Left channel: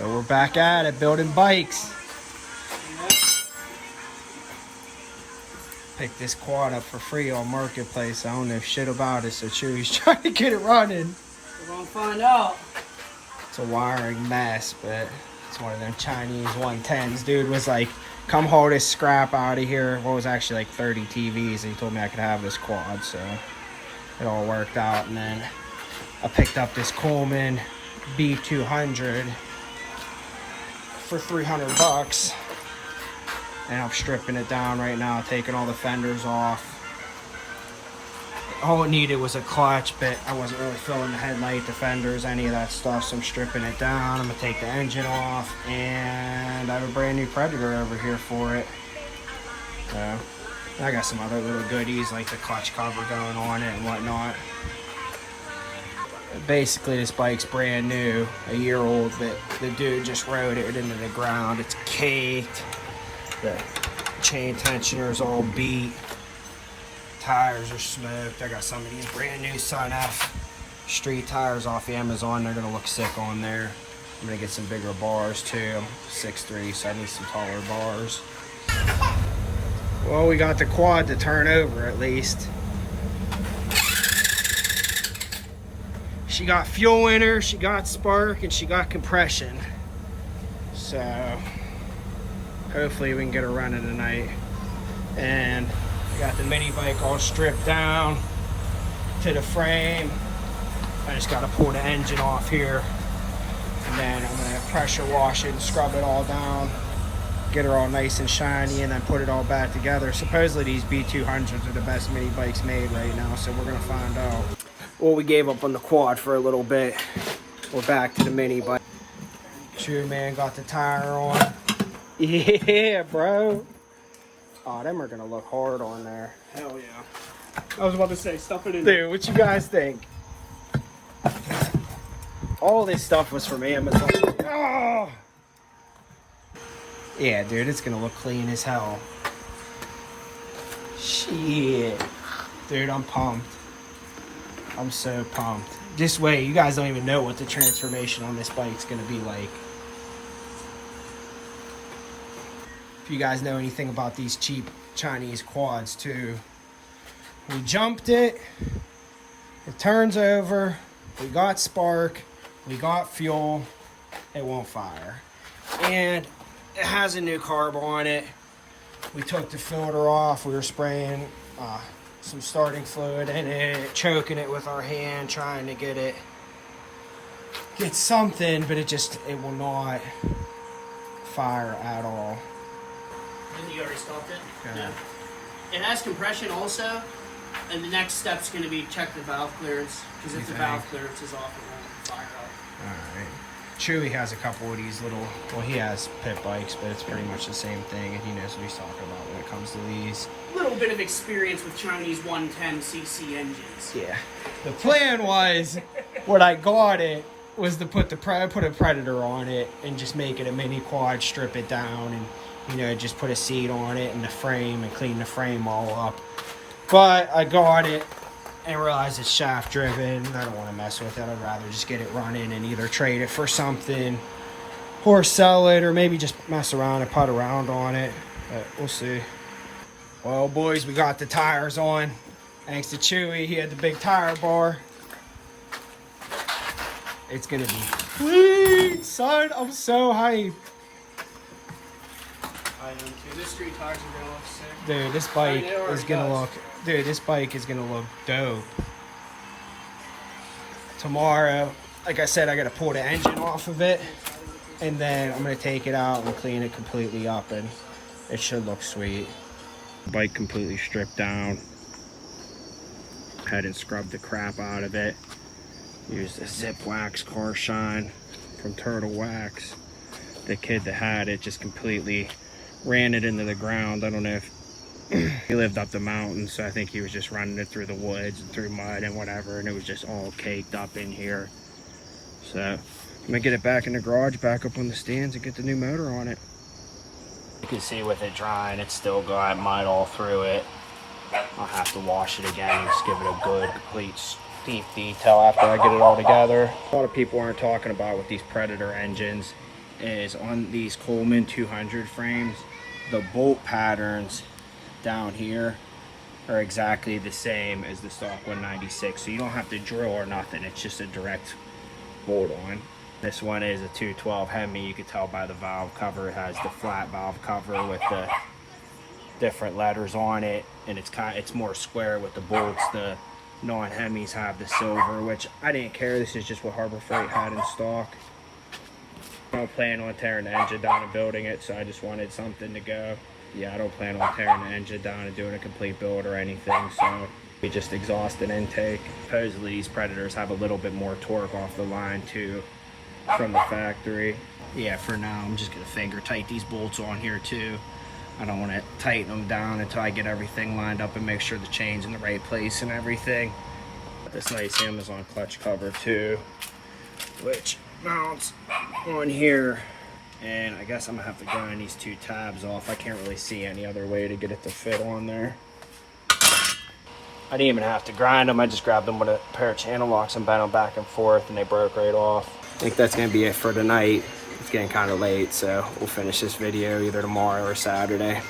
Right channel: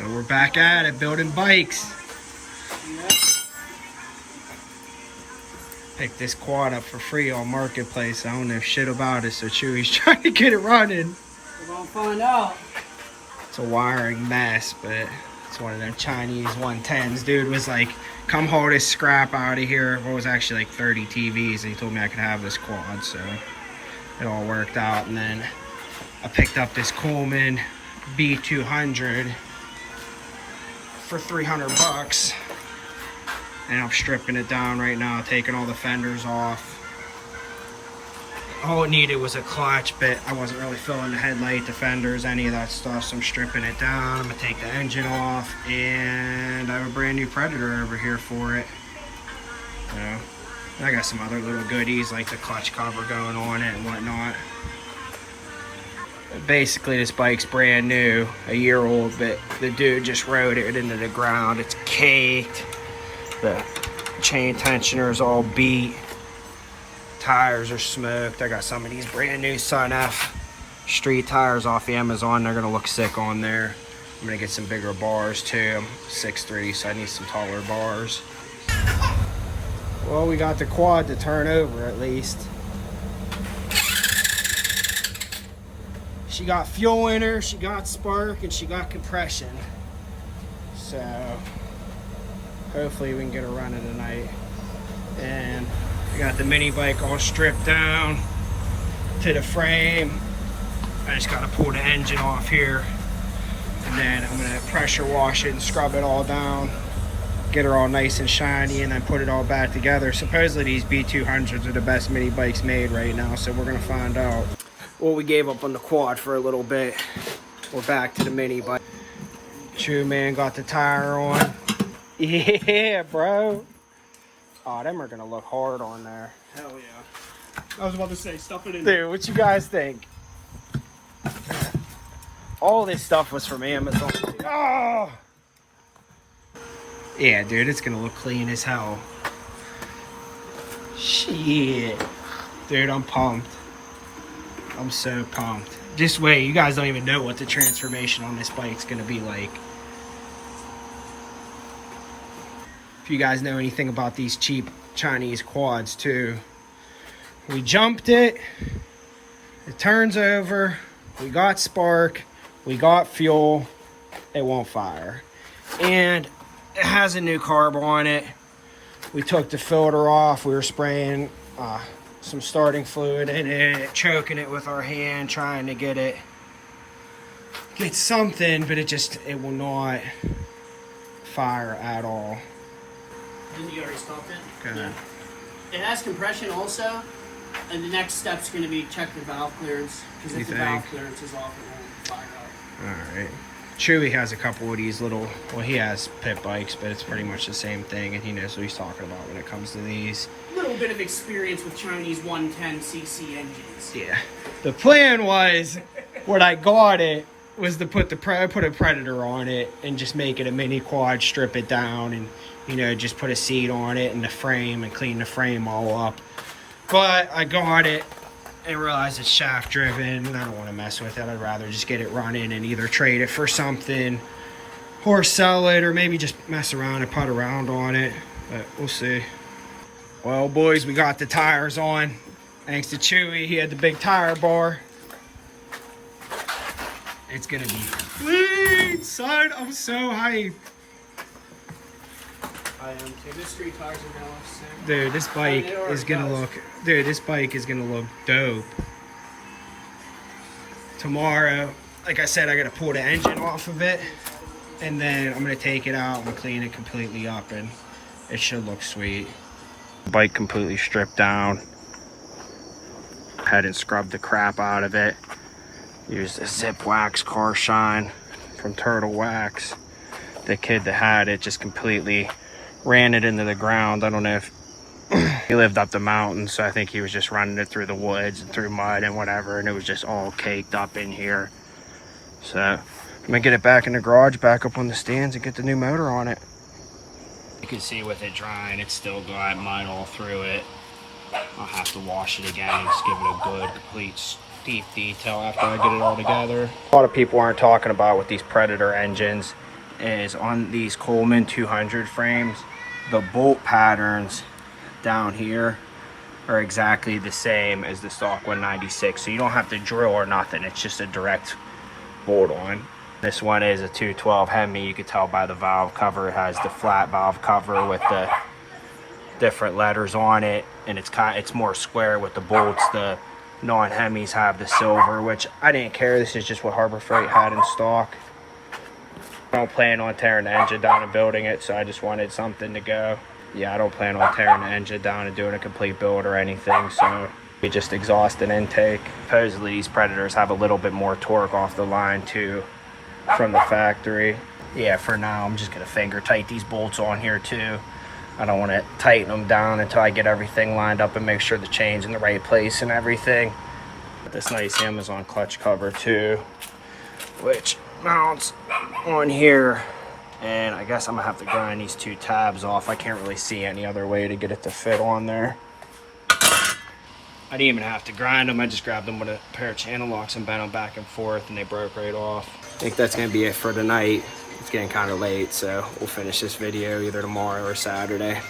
So we're back at it, building bikes. Picked this quad up for free on Marketplace. I don't know shit about it, so Chewy's trying to get it running. We're gonna find out. It's a wiring mess, but it's one of them Chinese 110s. Dude was like, come haul this scrap out of here. What was actually like 30 TVs, and he told me I could have this quad, so it all worked out. And then I picked up this Coleman B200 for 300 bucks. And I'm stripping it down right now, taking all the fenders off. All it needed was a clutch, but I wasn't really filling the headlight, the fenders, any of that stuff. So I'm stripping it down. I'm gonna take the engine off, and I have a brand new Predator over here for it. So I got some other little goodies like the clutch cover going on it and whatnot. Basically, this bike's brand new, a year old, but the dude just rode it into the ground. It's caked. The chain tensioner is all beat. Tires are smoked. I got some of these brand new Sun F street tires off Amazon. They're gonna look sick on there. I'm gonna get some bigger bars too. I'm 6'3", so I need some taller bars. Well, we got the quad to turn over at least. She got fuel in her, she got spark, and she got compression. So hopefully we can get her running tonight. And I got the mini bike all stripped down to the frame. I just gotta pull the engine off here. And then I'm gonna pressure wash it and scrub it all down. Get her all nice and shiny, and then put it all back together. Supposedly these B200s are the best mini bikes made right now, so we're gonna find out. Well, we gave up on the quad for a little bit. We're back to the mini bike. True man got the tire on. Yeah, bro. Oh, them are gonna look hard on there. Hell yeah. I was about to say, stuff it in. Dude, what you guys think? All this stuff was from Amazon. Oh! Yeah, dude, it's gonna look clean as hell. Shit. Dude, I'm pumped. I'm so pumped. This way, you guys don't even know what the transformation on this bike's gonna be like. If you guys know anything about these cheap Chinese quads too, we jumped it, it turns over, we got spark, we got fuel, it won't fire. And it has a new carb on it. We took the filter off, we were spraying some starting fluid in it, choking it with our hand, trying to get something, but it will not fire at all. Didn't you already stop it? Go ahead. It has compression also, and the next step's going to be check the valve clearance, because if the valve clearance is off, it won't fire up. Alright. Chewy has a couple of these little, well, he has pit bikes, but it's pretty much the same thing, and he knows what he's talking about when it comes to these. A little bit of experience with Chinese 110cc engines. Yeah. The plan was, when I got it, was to put a Predator on it and just make it a mini quad, strip it down, and you know, just put a seat on it and the frame and clean the frame all up. But I got it and realized it's shaft driven and I don't want to mess with it. I'd rather just get it running and either trade it for something or sell it, or maybe just mess around and putt around on it, but we'll see. Well, boys, we got the tires on. Thanks to Chewy, he had the big tire bar. It's gonna be sweet, son. I'm so hyped. I am too. This street tires are gonna look sick. Dude, this bike is gonna look. Dude, this bike is gonna look dope. Tomorrow, like I said, I gotta pull the engine off of it, and then I'm gonna take it out and clean it completely up, and it should look sweet. Bike completely stripped down. Had and scrubbed the crap out of it. Used a Zip Wax car shine from Turtle Wax. The kid that had it just completely ran it into the ground. I don't know if he lived up the mountain, so I think he was just running it through the woods and through mud and whatever, and it was just all caked up in here. So I'm gonna get it back in the garage, back up on the stands, and get the new motor on it. You can see with it drying, it's still got mud all through it. I'll have to wash it again and just give it a good complete deep detail after I get it all together. A lot of people aren't talking about with these Predator engines is on these Coleman 200 frames, the bolt patterns down here are exactly the same as the stock 196. So you don't have to drill or nothing. It's just a direct bolt on. This one is a 212 Hemi. You can tell by the valve cover. It has the flat valve cover with the different letters on it, and it's more square with the bolts. The non-Hemis have the silver, which I didn't care. This is just what Harbor Freight had in stock. I don't plan on tearing the engine down and building it, so I just wanted something to go. Yeah, I don't plan on tearing the engine down and doing a complete build or anything, so we just exhaust and intake. Supposedly these Predators have a little bit more torque off the line too from the factory. Yeah, for now I'm just gonna finger tight these bolts on here too. I don't want to tighten them down until I get everything lined up and make sure the chain's in the right place and everything. This nice Amazon clutch cover too, which mounts on here. And I guess I'm gonna have to grind these two tabs off. I can't really see any other way to get it to fit on there. I didn't even have to grind them. I just grabbed them with a pair of channel locks and bent them back and forth, and they broke right off. I think that's gonna be it for tonight. It's getting kind of late, so we'll finish this video either tomorrow or Saturday.